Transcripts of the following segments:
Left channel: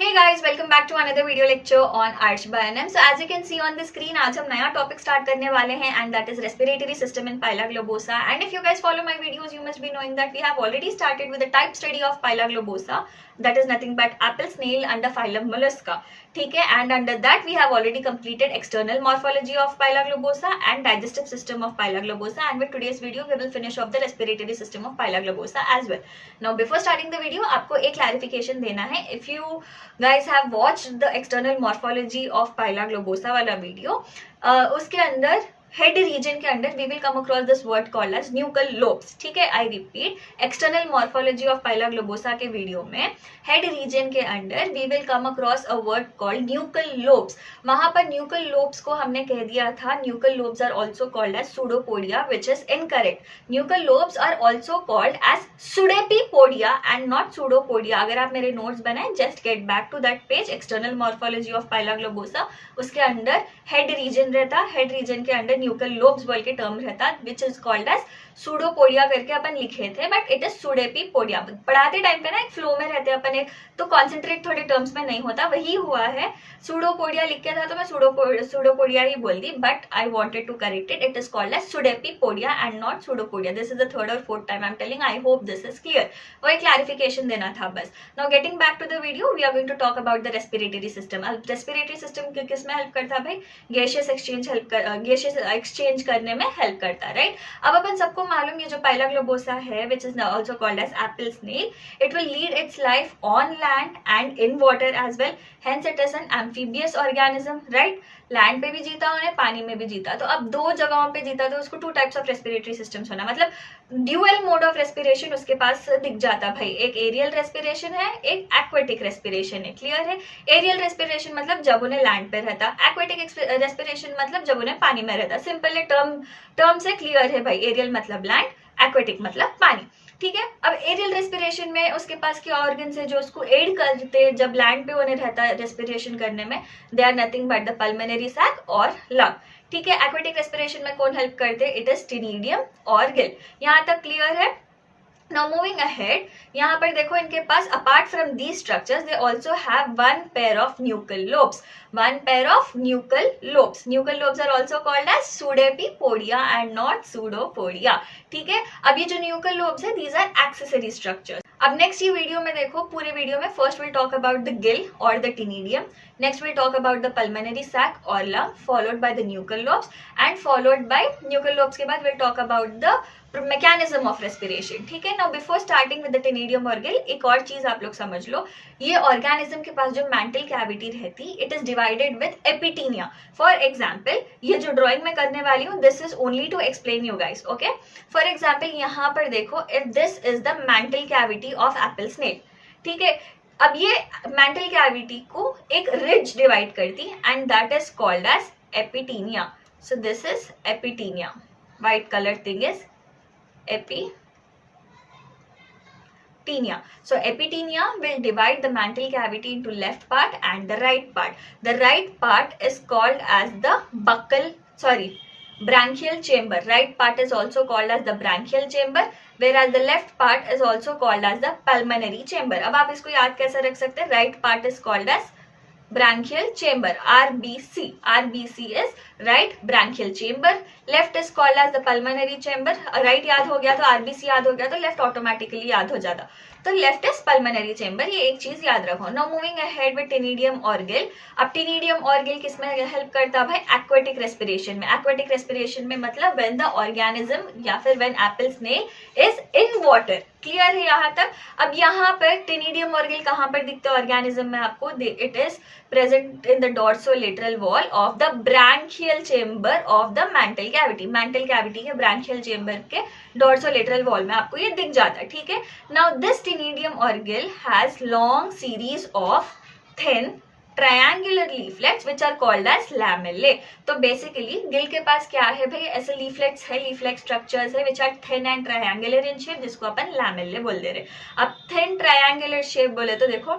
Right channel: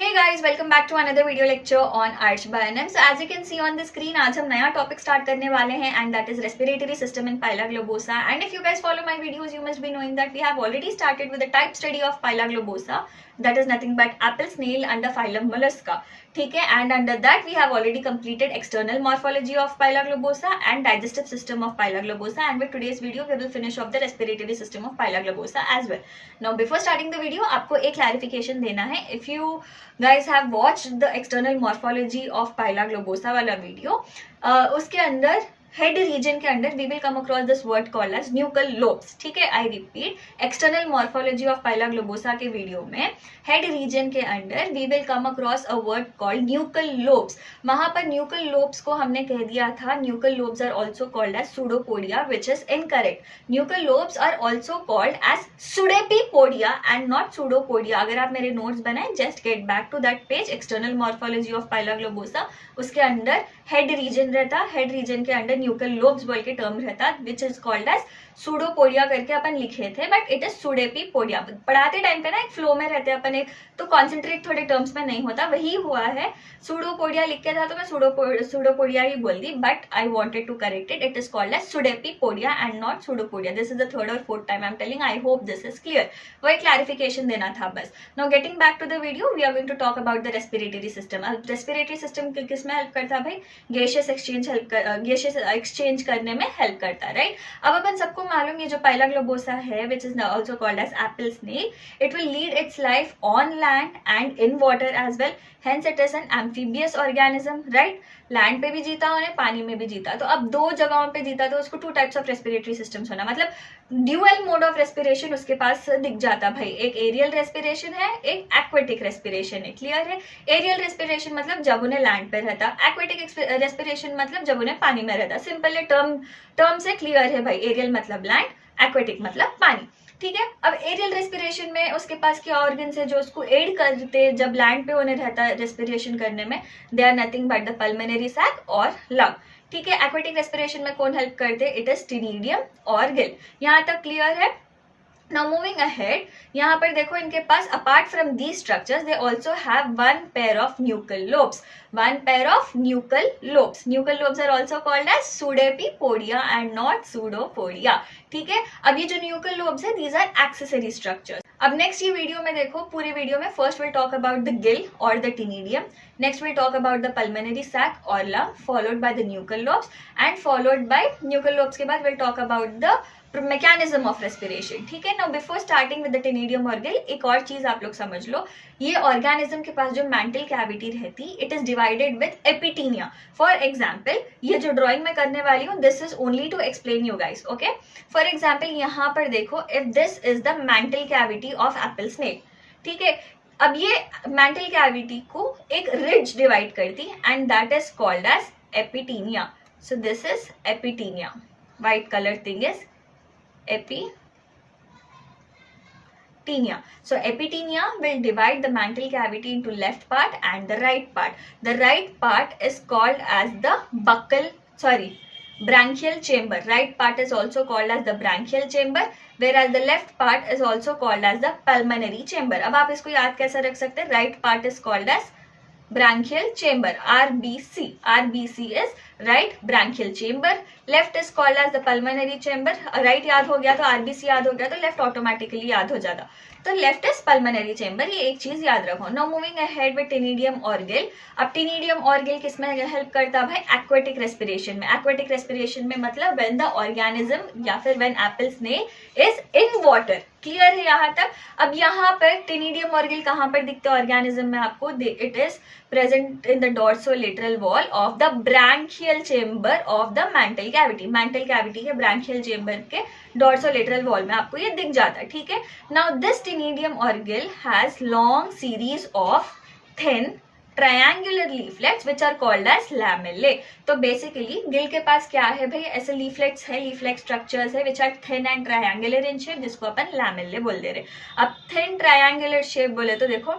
Hey guys, welcome back to another video lecture on Arch by NM. So as you can see on the screen, आज हम नया topic start करने वाले हैं and that is respiratory system in Pila globosa. And if you guys follow my videos, you must be knowing that we have already started with the type study of Pila globosa. That is nothing but apple snail under phylum Mollusca. ठीक है, and under that we have already completed external morphology of Pila globosa and digestive system of Pila globosa. And with today's video, we will finish off the respiratory system of Pila globosa as well. Now before starting the video, आपको एक clarification देना है. If you guys have watched the external morphology of Pila globosa वाला वीडियो, उसके अंदर head region के अंदर we will come across this word called as nuchal lobes. ठीक है, I repeat, external morphology of Pila globosa के वीडियो में हेड रीजन के अंदर we will come across a word called nuchal lobes. वहां पर न्यूकल लोब्स को हमने कह दिया था nuchal lobes are also called as pseudopodia, which is incorrect. Nuchal lobes are also called as pseudepipodia and not pseudopodia. अगर आप मेरे नोट्स बनाए, just get back to that page, external morphology of Pila globosa. उसके अंदर head region रहता, head region के अंदर nuchal lobes बोल के टर्म रहता, which is called as pseudopodia करके अपन लिखे थे, बट इट इज सुडेपिपोडिया. पढ़ाते टाइम पे ना एक फ्लो में रहते अपन, एक तो कॉन्सेंट्रेट थोड़े टर्म्स में नहीं होता, वही हुआ है. सूडोपोडिया लिख के था तो मैं सूडोपोडिया ही बोल दी, but I wanted to correct it. It is called as pseudepipodia and not pseudopodia. This is the third और fourth time I am telling. I hope this is clear. वो एक क्लैरिफिकेशन देना था बस. Now getting back to the video, we are going to talk about the respiratory system. Respiratory system किस में help करता है भाई? गैसियस एक्सचेंज करने में हेल्प करता है, राइट? अब अपन सबको मालूम, ये जो पाइला ग्लोबोसा है, which is also called as apple snail, it will lead its life on land and in water as well. Hence it is an amphibious organism, right? Land पे भी जीता उन्हें, पानी में भी जीता. तो अब दो जगहों पे जीता, तो उसको two types of respiratory systems होना, मतलब ड्यूअल मोड ऑफ रेस्पिरेशन उसके पास दिख जाता भाई. एक एरियल रेस्पिरेशन है, एक एक्वेटिक रेस्पिरेशन है. क्लियर है? एरियल रेस्पिरेशन मतलब जब उन्हें लैंड पे रहता, एक्वेटिक रेस्पिरेशन मतलब जब उन्हें पानी में रहता. सिंपल टर्म से क्लियर है भाई. एरियल मतलब लैंड, एक्वेटिक मतलब पानी. ठीक है, अब एरियल रेस्पिरेशन में उसके पास क्या ऑर्गन्स है जो उसको एड करते जब लैंड पे उन्हें रहता है रेस्पिरेशन करने में? They are nothing but the pulmonary sac और लंग. ठीक है, एक्वेटिक रेस्पिरेशन में कौन हेल्प करते? इट इज टिनिडियम और गिल. यहाँ तक क्लियर है? Now moving ahead, यहाँ पर देखो इनके पास apart from these structures they also have one pair of nuchal lobes. One pair of nuchal lobes. Nuchal lobes are also called as pseudepipodia and not pseudopodia. ठीक है, अब ये जो nuchal lobes है, these are accessory structures. अब next ये video में देखो, पूरे वीडियो में first will talk about the gill और the ctenidium, next will talk about the pulmonary sac और lung, followed by the nuchal lobes and followed by nuchal lobes के बाद will talk about the mechanism of respiration. ठीक है, now before starting with the ctenidium और gill, एक और चीज आप लोग समझ लो. ये ऑर्गेनिज्म के पास जो मेंटल कैविटी रहती, it is divided with epitaenia. For example, ये जो ड्रॉइंग में करने वाली हूँ, this is only to explain you guys. Okay, for example यहाँ पर देखो, if this is the mantle cavity of apple snail. ठीक है, अब ये मेंटल कैविटी को एक रिज डिवाइड करती and that is called as epitaenia. So this is epitaenia. White colour thing is epitenia. So epitenia will divide the mantle cavity into left part and the right part. The right part is called as the branchial chamber. Right part is also called as the branchial chamber, whereas the left part is also called as the pulmonary chamber. अब आप इसको याद कैसे रख सकते हैं? Right part is called as branchial chamber, RBC. RBC is right branchial chamber. Left is called as the pulmonary chamber. Right याद हो गया तो RBC याद हो गया तो left automatically याद हो जाता. तो लेफ्ट इज पल्मोनरी चेंबर, ये एक चीज याद रखो. नाउ मूविंग अहेड विद टिनिडियम और गिल. अब टिनिडियम और गिल किसमें हेल्प करता है भाई? एक्वेटिक रेस्पिरेशन में. एक्वेटिक रेस्पिरेशन में मतलब व्हेन द ऑर्गेनिज्म या फिर when apple snail is in water. Clear है यहाँ तक? अब यहाँ पर टिनिडियम और गिल कहाँ पर दिखते हैं ऑर्गेनिज्म में आपको? It is present in the dorsolateral wall of the branchial chamber of the mantle cavity. Mantle cavity के ब्रांकियल चेंबर के डोर्सोलेटरल वॉल में आपको ये दिख जाता है. ठीक है, नाउ दिस टिनिडियम और Gill has long series of thin triangular leaflets which are called as lamellae. तो बेसिकली गिल के पास क्या है भाई? ऐसे लीफलेट्स है, लीफलेट स्ट्रक्चर्स है which are thin and triangular in shape, जिसको अपन lamellae बोल दे रहे. अब thin triangular shape बोले तो देखो,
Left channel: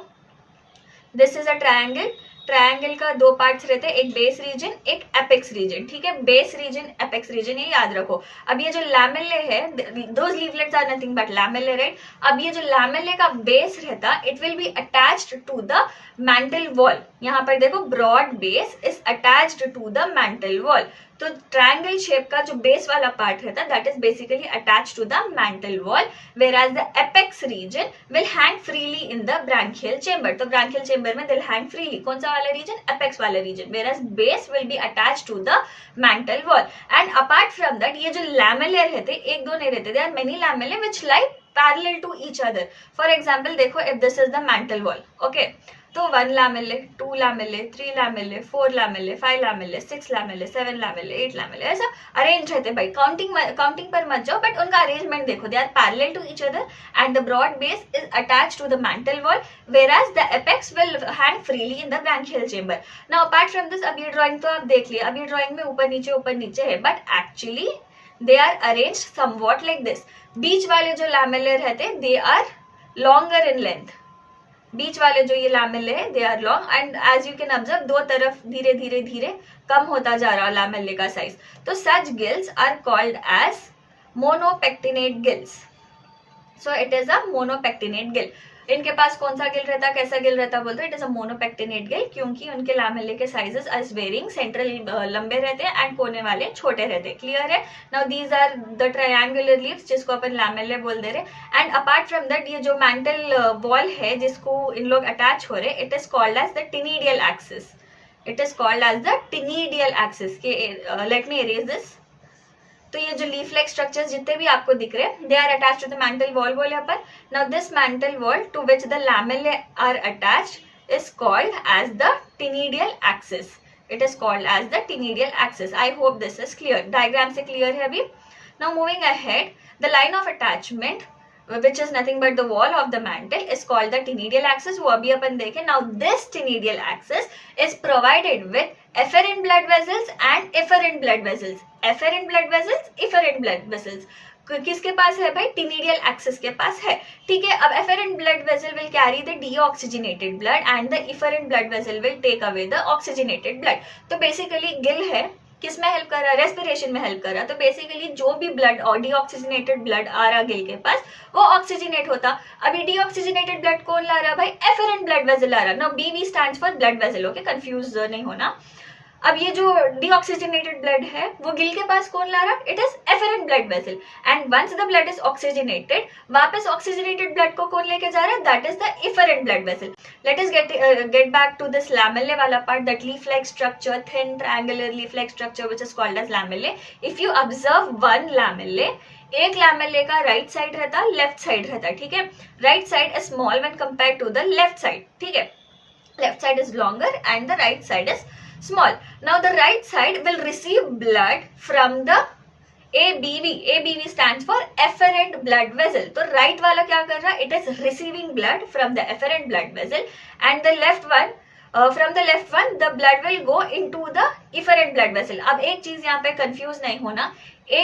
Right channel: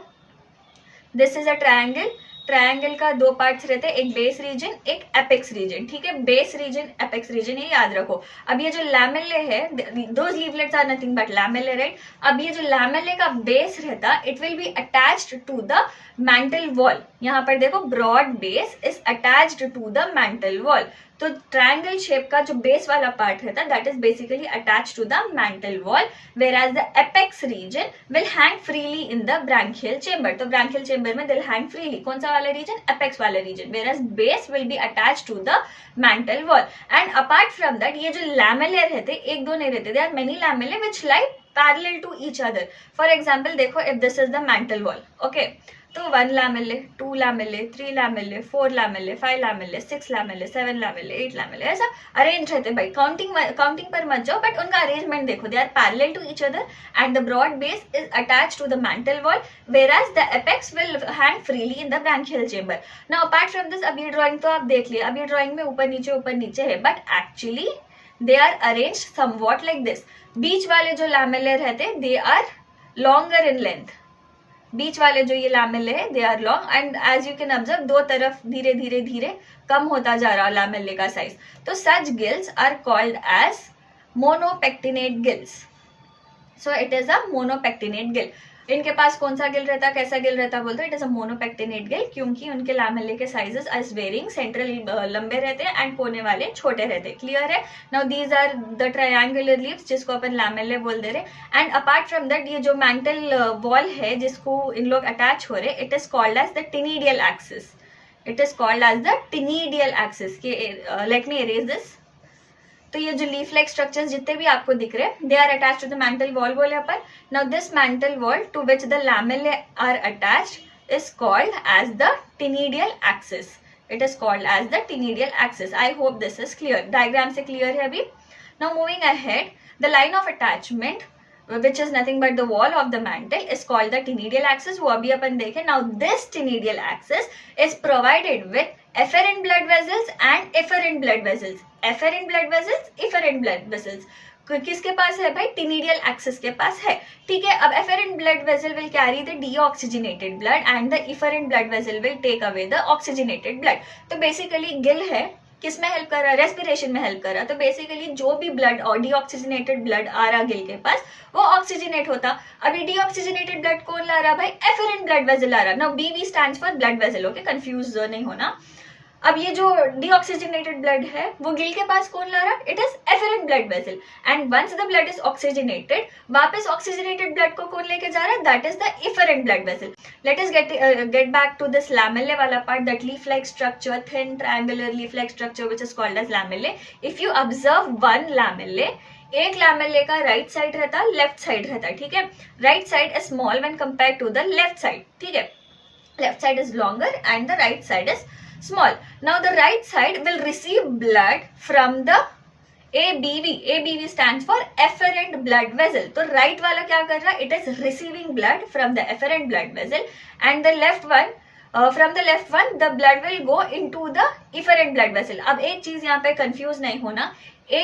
this is a triangle, triangle का दो पार्ट्स रहते हैं, एक बेस रीजन एक एपेक्स रीजन, ठीक है, बेस रीजन एपेक्स रीजन, ये याद रखो। अब ये जो लैमेले है, those leaflets are nothing but lamellae, right. अब ये जो लैमेले का बेस रहता, it will be attached to the mantle wall. यहाँ पर देखो, broad base is attached to the mantle wall. तो ट्रायंगल शेप का जो बेस वाला पार्ट रहता है that is basically attached to the mantle wall, whereas the apex region will hang freely in the branchial chamber। तो branchial chamber में they'll hang freely, कौन सा वाला region, apex वाला region, whereas base will be attached to the mantle wall। and apart from that, ये जो lamellae रहते, एक दो नहीं रहते, there are many lamellae which lie parallel to each other। for example, देखो, if this is the mantle wall, okay, तो 1 लैमेले, 2 लैमेले, 3 लैमेले, 4 लैमेले, 5 लैमेले, 6 लैमेले, 7 लैमेले, 8 लैमेले, ऐसा अरेंज रहते भाई। काउंटिंग पर मत जाओ, बट उनका अरेंजमेंट देखो, they are parallel to each other and the broad base is attached to the mantle wall, whereas the apex will hang freely in the branchial chamber। now apart from this, अब ये drawing तो आप देख लिया, अब ये drawing में ऊपर नीचे है, but actually they are arranged somewhat like this. बीच वाले जो लैमेले रहते, they are longer in length, बीच वाले जो ये लैमेले है they are long, and as you can observe दो तरफ धीरे धीरे कम होता जा रहा है लैमेले का साइज। तो such gills are called as monopectinate gills. So it is a monopectinate gill. इनके पास कौन सा गिल रहता, कैसा गिल रहता बोलते हैं, it is a monopectinate Gill, क्योंकि उनके लैमेले के साइजेस एज वेरिंग, सेंट्रल लंबे रहते हैं एंड कोने वाले छोटे रहते हैं। क्लियर है। Now these are the triangular leaves जिसको अपन लैमेले बोल दे रहे। एंड अपार्ट फ्रॉम दैट, ये जो मैंटल वॉल है जिसको इन लोग अटैच हो रहे, it is called as the ctenidial axis. It is called as the ctenidial axis. Let me erase this. तो ये जो लीफ लाइक स्ट्रक्चर्स जितने भी आपको दिख रहे हैं, they are attached to the mantle wall बोले अपन। Now this mantle wall to which the lamellae are attached is called as the ctenidial axis. It is called as the ctenidial axis. I hope this is clear. Diagram से clear है अभी। Now moving ahead, the line of attachment which is nothing but the wall of the mantle is called the tenidial axis। वो अभी अपन देखें। Now this tenidial axis is provided with efferent blood vessels and efferent blood vessels। efferent blood vessels, efferent blood vessels किसके पास है भाई, टिनिडियल axis के पास है, ठीक है। अब efferent blood vessel will carry the deoxygenated blood and the efferent blood vessel will take away the oxygenated blood। तो basically Gill है, किस में हेल्प कर रहा है, रेस्पिरेशन में हेल्प कर रहा है। तो बेसिकली जो भी ब्लड और डीऑक्सीजनेटेड ब्लड आ रहा गिल के पास, वो ऑक्सीजनेट होता। अभी डीऑक्सीजनेटेड ब्लड कौन ला रहा है भाई, एफरेंट ब्लड वेसल ला रहा है। नाउ बीवी stands for blood vessel, okay, confuse नहीं होना। अब ये जो डीऑक्सीजनेटेड ब्लड है वो गिल के पास कौन ला रहा है, it is afferent blood vessel. And once the blood is oxygenated, वापस ऑक्सीजनेटेड ब्लड को कौन लेके जा रहा है, that is the efferent blood vessel. Let us get back to this lamellae वाला part, that leaf like structure, thin triangular leaf like structure which is called as lamellae. If you observe one lamellae, एक lamellae का right side रहता, left side रहता, ठीक है। Right side is small when compare to the left side, ठीक है। Left side is longer and the right side is small। Now the right side will receive blood from the ABV। ABV stands for efferent blood vessel। तो right वाला क्या कर रहा है, it is receiving blood from the efferent blood vessel, and the left one from the left one the blood will go into the efferent blood vessel। अब एक चीज यहाँ पे कंफ्यूज नहीं होना,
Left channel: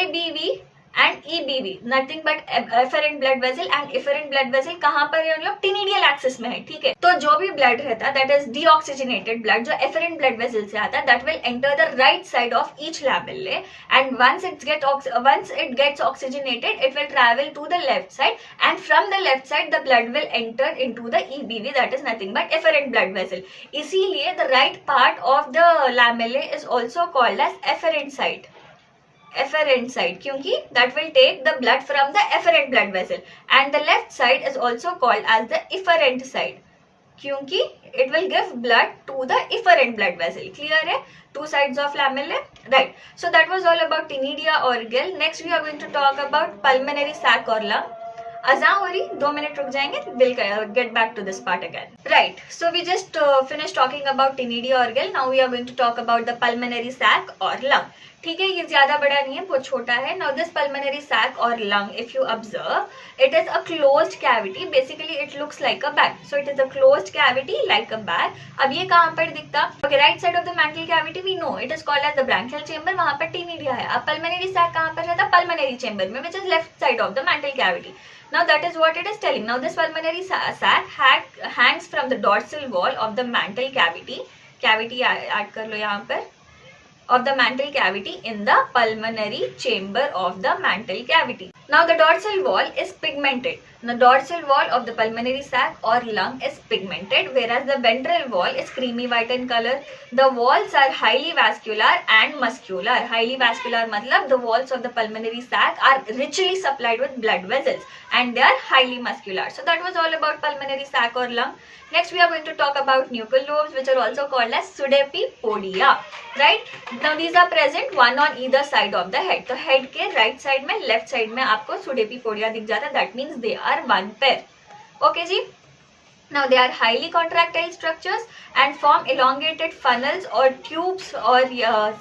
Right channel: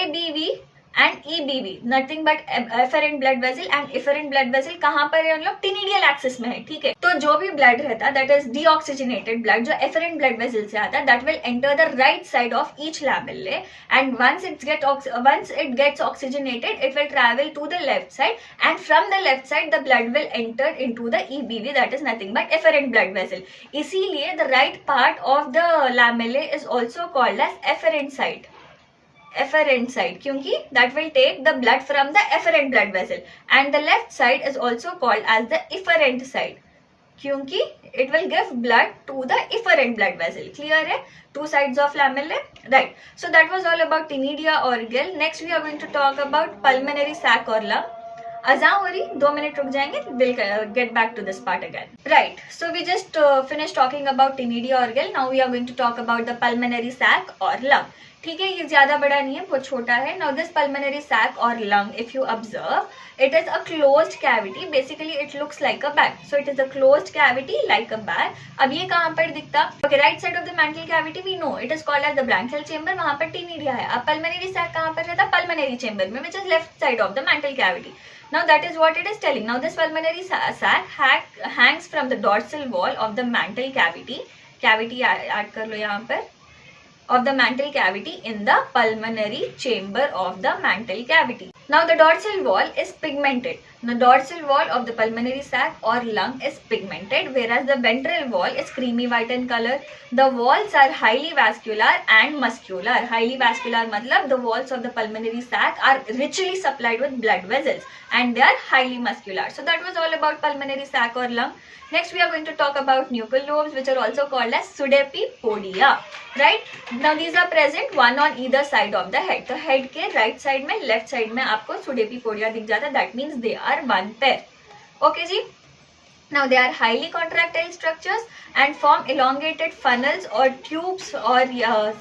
ABV and EBV nothing but efferent blood vessel and efferent blood vessel कहाँ पर है, हम लोग टिनिडियल एक्सिस में है, ठीक है। तो जो भी ब्लड रहता है दैट इज डीऑक्सीजनेटेड ब्लड, जो एफरेंट ब्लड वेसल से आता है, that will enter the right side of each lamellae, and once it gets oxygenated it will travel to the left side, and from the left side the blood will enter into the EBV that is nothing but efferent blood vessel. इसीलिए the right part of the lamellae is also called as afferent side, efferent side, क्योंकि that will take the blood from the efferent blood vessel, and the left side is also called as the efferent side, क्योंकि it will give blood to the efferent blood vessel। clear है, two sides of lamellae, right? So that was all about tenidia or gill। next we are going to talk about pulmonary sac or lung। अजान हो रही, 2 minute रुक जाएंगे, we'll get back to this part again। right, so we just finished talking about tenidia or gill। now we are going to talk about the pulmonary sac or lung। ठीक है, ये ज्यादा बड़ा नहीं है, बहुत छोटा है। नाउ दिस पल्मोनरी सैक और lung, if you observe, it is a closed cavity, basically it looks like a bag. So it is a closed cavity like a bag. अब ये कहाँ पर दिखता, okay, right side of the mantle cavity we know it is called as the branchial chamber, वहां पर टिनिडिया है। अब pulmonary sac कहाँ पर रहता, पल्मोनरी चेंबर में, which is left side of the mantle cavity. Now that is what it is telling। Now this pulmonary sac hangs from the dorsal wall of the mantle cavity। Cavity add कर लो यहाँ पर, of the mantle cavity in the pulmonary chamber of the mantle cavity. Now the dorsal wall is pigmented. The dorsal wall of the pulmonary sac or lung is pigmented, whereas the ventral wall is creamy white in color. The walls are highly vascular and muscular. Highly vascular matlab the walls of the pulmonary sac are richly supplied with blood vessels and they are highly muscular. So that was all about pulmonary sac or lung. Next we are going to talk about nuchal lobes, which are also called as pseudepipodia, right? Now these are present one on either side of the head. तो head के right side में, left side में आपको pseudepipodia दिख जाता है. That means they are one pair. Okay जी. Now they are highly contractile structures and form elongated funnels or tubes or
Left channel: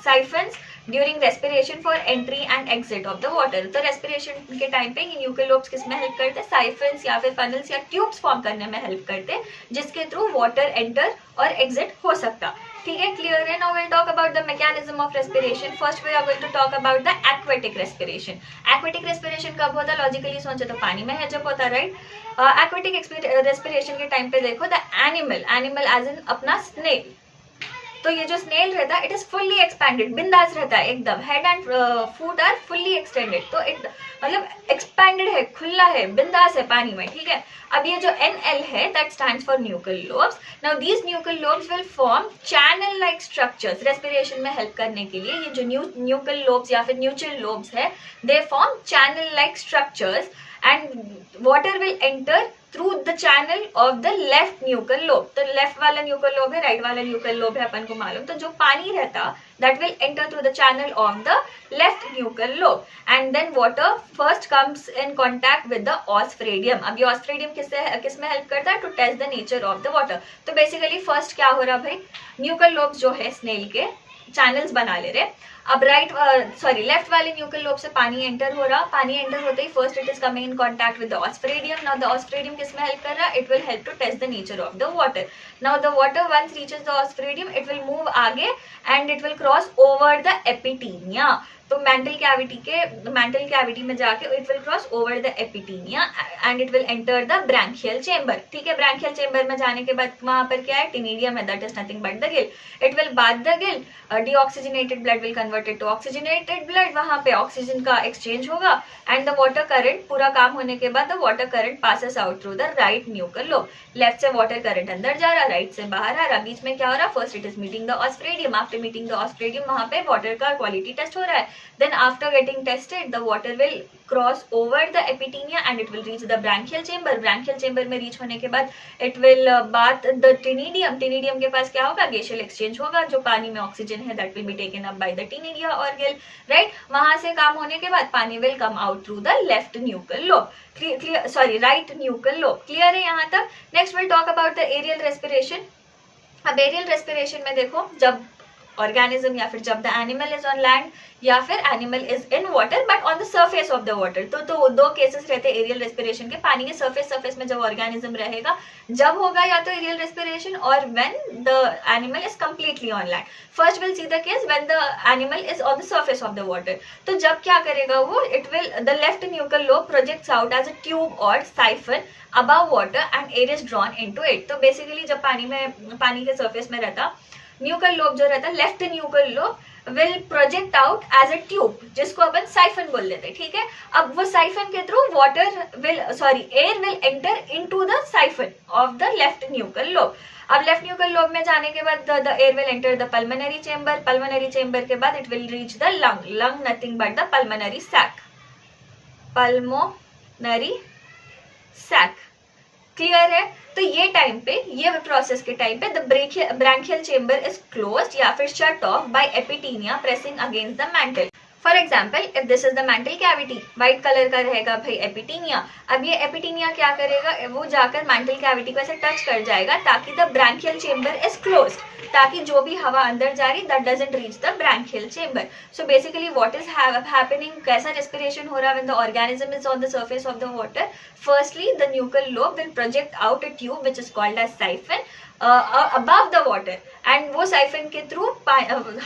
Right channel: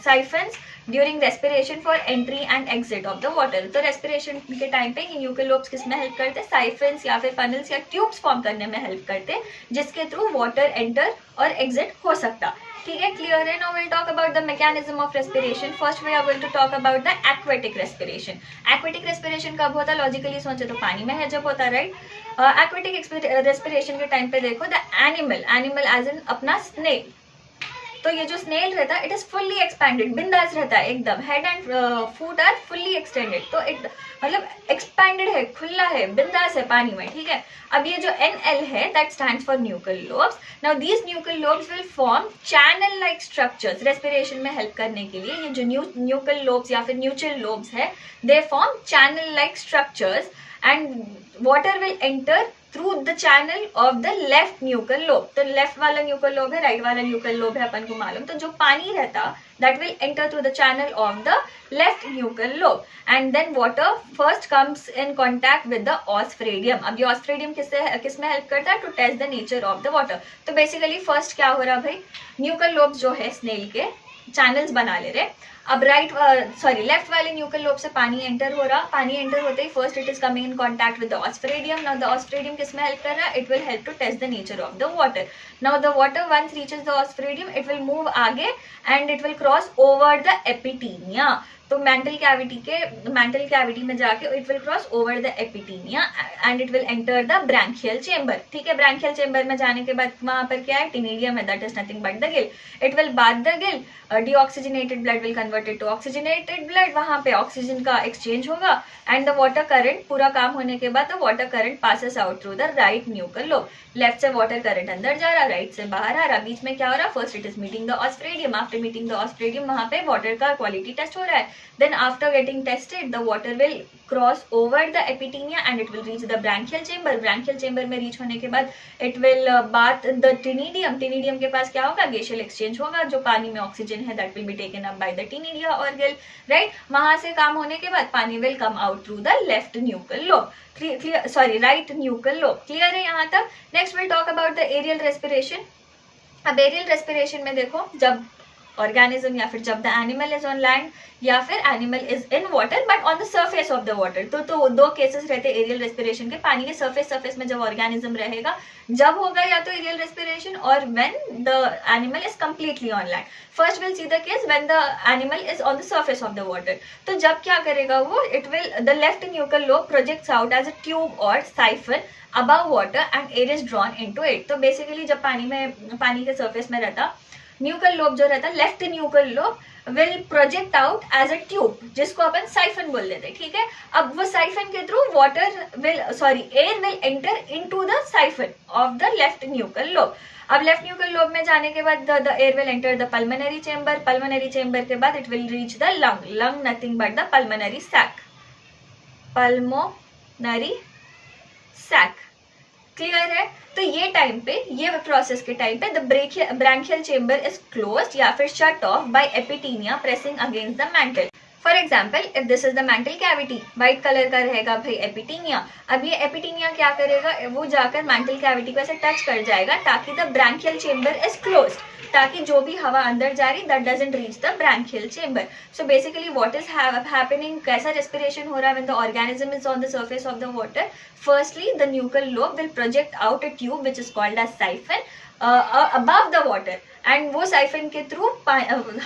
siphons during respiration for entry and exit of the water. तो respiration के time पे ये nuchal lobes किस में help करते हैं? Siphons या फिर funnels या tubes फॉर्म करने में हेल्प करते हैं, जिसके थ्रू water enter और exit हो सकता. ठीक है, क्लियर है? Now we'll talk about the mechanism of respiration. First we are going to talk about the aquatic respiration. Aquatic respiration कब होता है? लॉजिकली सोचे तो पानी में है जब होता है, राइट? एक्वेटिक रेस्पिरेशन के टाइम पे देखो, द एनिमल एज इन अपना स्नेल. तो ये जो स्नेल रहता है, इट इज फुल्ली एक्सपैंडेड, बिंदास रहता है एकदम. Head and foot are fully extended. तो इट मतलब एक्सपैंडेड है, खुला है, बिंदास है पानी में. ठीक है. अब ये जो NL है, that stands for nuchal lobes. Now these nuchal lobes will form channel like structures. Respiration में हेल्प करने के लिए ये जो न्यूकल लोब्स या फिर न्यूचल लोब्स है, they form channel like structures and water will enter through the channel of the left nuchal lobe. तो लेफ्ट वाला न्यूकल लोब है, राइट वाला न्यूकल लोब है, अपन को मालूम. तो जो पानी रहता, that will enter through the channel of the left nuchal lobe and then water first comes in contact with the osphradium. अब ये osphradium किस में हेल्प करता है? to test the nature of the water. तो बेसिकली फर्स्ट क्या हो रहा भाई, न्यूकल लोब्स जो है स्नेल के चैनल्स बना ले रहे. अब लेफ्ट वाले न्यूकल लोब से पानी एंटर हो रहा. पानी एंटर होते ही first it is coming in contact with the osphradium. Now the osphradium किस में हेल्प कर रहा है? It will help to taste the nature of the water. Now the water once reaches the osphradium, it will move आगे and it will cross over the epitaenia. तो mantle cavity में जाके it will cross over the epitaenia and it will enter the branchial chamber. ठीक है. Branchial chamber में जाने के बाद वहां पर क्या है? टिनिडियम है, that is nothing but the gill. It will bathe the gill. Deoxygenated blood will converted to oxygenated blood. वहां पे ऑक्सीजन का एक्सचेंज होगा एंड द वाटर करंट पूरा काम होने के बाद the water current passes out through the right nuchal lobe. Left से वाटर करंट अंदर जा रहा, राइट से बाहर आ रहा. बीच में क्या हो रहा? First it is meeting the osphradium. After meeting the osphradium वहां पे वाटर का क्वालिटी टेस्ट हो रहा है. Then after getting tested, the water will cross over the epitynia and it will reach the branchial chamber. Branchial chamber में reach होने के बाद it will bath the tinidium. Tinidium के पास क्या होगा? Gaseous exchange होगा. जो पानी में ऑक्सीजन है that will be taken up by the tinidia or gill. Right? वहां से काम होने के बाद पानी will come out through the left nuchal lobe. Right nuchal lobe. Clear है यहाँ तक? Next we'll talk about the aerial respiration. अब एरियल रेस्पिरेशन में देखो, जब ऑर्गेनिज्म या फिर जब the animal is on land या फिर animal is in water but on the surface of the water. तो दो केसेस रहते हैं एरियल रेस्पिरेशन के. पानी के सर्फेस में जब ऑर्गेनिज्म रहेगा, जब होगा या तो एरियल रेस्पिरेशन और when the animal is completely on land. First will see the case when the animal is on the surface of the water. तो जब क्या करेगा वो, it will the left nuchal lobe projects out as a tube और siphon above water and air is drawn into it. तो बेसिकली जब पानी के सर्फेस में रहता, न्यूकल लोब जो रहता, left nuchal lobe will project out as a tube, जिसको अपन साइफन बोल देते हैं. ठीक है. अब वो साइफन के through air will enter into the siphon of the left nuchal lobe. अब लेफ्ट न्यूकल लोब में जाने के बाद the air will enter the pulmonary chamber. Pulmonary chamber के बाद it will reach the lung nothing but the pulmonary sac. Pulmonary sac. Clear है? तो ये टाइम पे, ये प्रोसेस के टाइम पे the branchial chamber is closed या फिर shut off by epitaenia pressing against the mantle. For example, if this is the mantle cavity, white colour का रहेगा भाई एपिटीनिया. अब ये एपिटीनिया क्या करेगा? वो जाकर मेंटल कैविटी को ऐसे टच कर जाएगा ताकि the branchial chamber is closed, ताकि जो भी हवा अंदर जा रही that doesn't reach the branchial chamber. So basically what is happening, कैसा रेस्पिरेशन हो रहा है when the organism is on the surface of the water? Firstly the nuchal lobe will project out a tube which is called as siphon. above the water, and वो siphon के through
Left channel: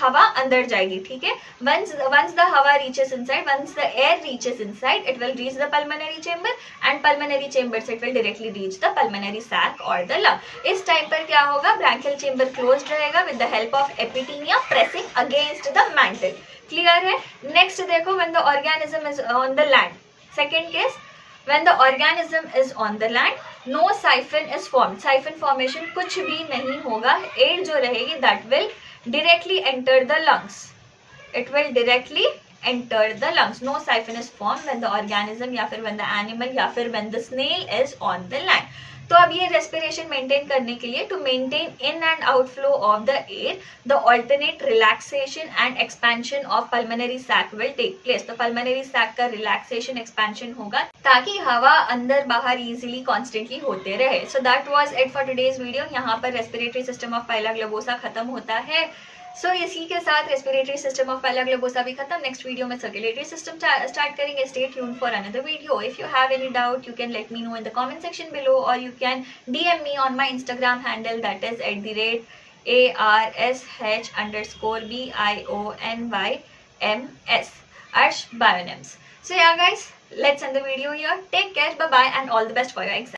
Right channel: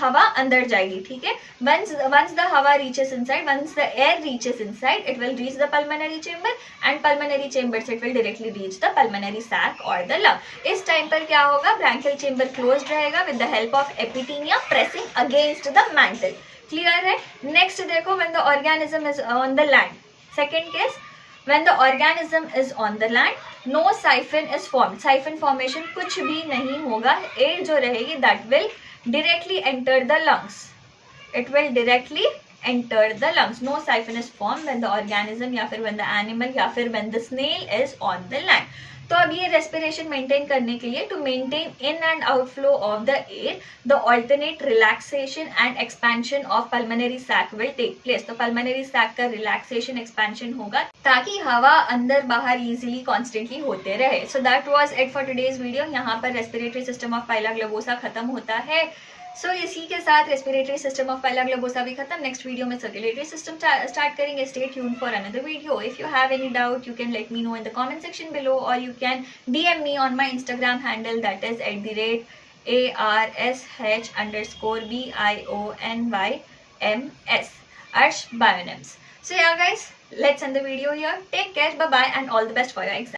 हवा अंदर जाएगी, ठीक है. Once the हवा reaches inside, once the air reaches inside, it will reach the pulmonary chamber, and pulmonary chamber से it will directly reach the pulmonary sac or the lung. इस टाइम पर क्या होगा, branchial chamber closed रहेगा with the help of epithelia pressing against the mantle. Clear है. Next देखो, when the organism is on the land. Second case, when the organism is on the land, no siphon is formed. Siphon formation कुछ भी नहीं होगा. Air जो रहेगी that will directly enter the lungs. It will directly enter the lungs. No siphon is formed when the organism या फिर when the animal या फिर when the snail is on the land. तो अब ये रेस्पिरेशन मेंटेन करने के लिए, to maintain in and outflow of the air, the alternate relaxation and expansion of pulmonary sac will take place. तो pulmonary sac का रिलैक्सेशन एक्सपेंशन होगा ताकि हवा अंदर बाहर इजीली कॉन्स्टेंटली होते रहे. So that was it for today's video. यहाँ पर respiratory system of Pila globosa खत्म होता है. सो इसी के साथ respiratory system of Pila globosa भी खत्म. नेक्स्ट वीडियो में सर्कुलेटरी सिस्टम स्टार्ट करेंगे. Stay tuned for another video. If you have any doubt, you can let me know in the comment section below, और you can DM me on my Instagram handle, that is @ARSH_BIONYMS, Arsh Bionems. So yeah guys, let's end the video here. Take care, bye bye, and all the best for your exam.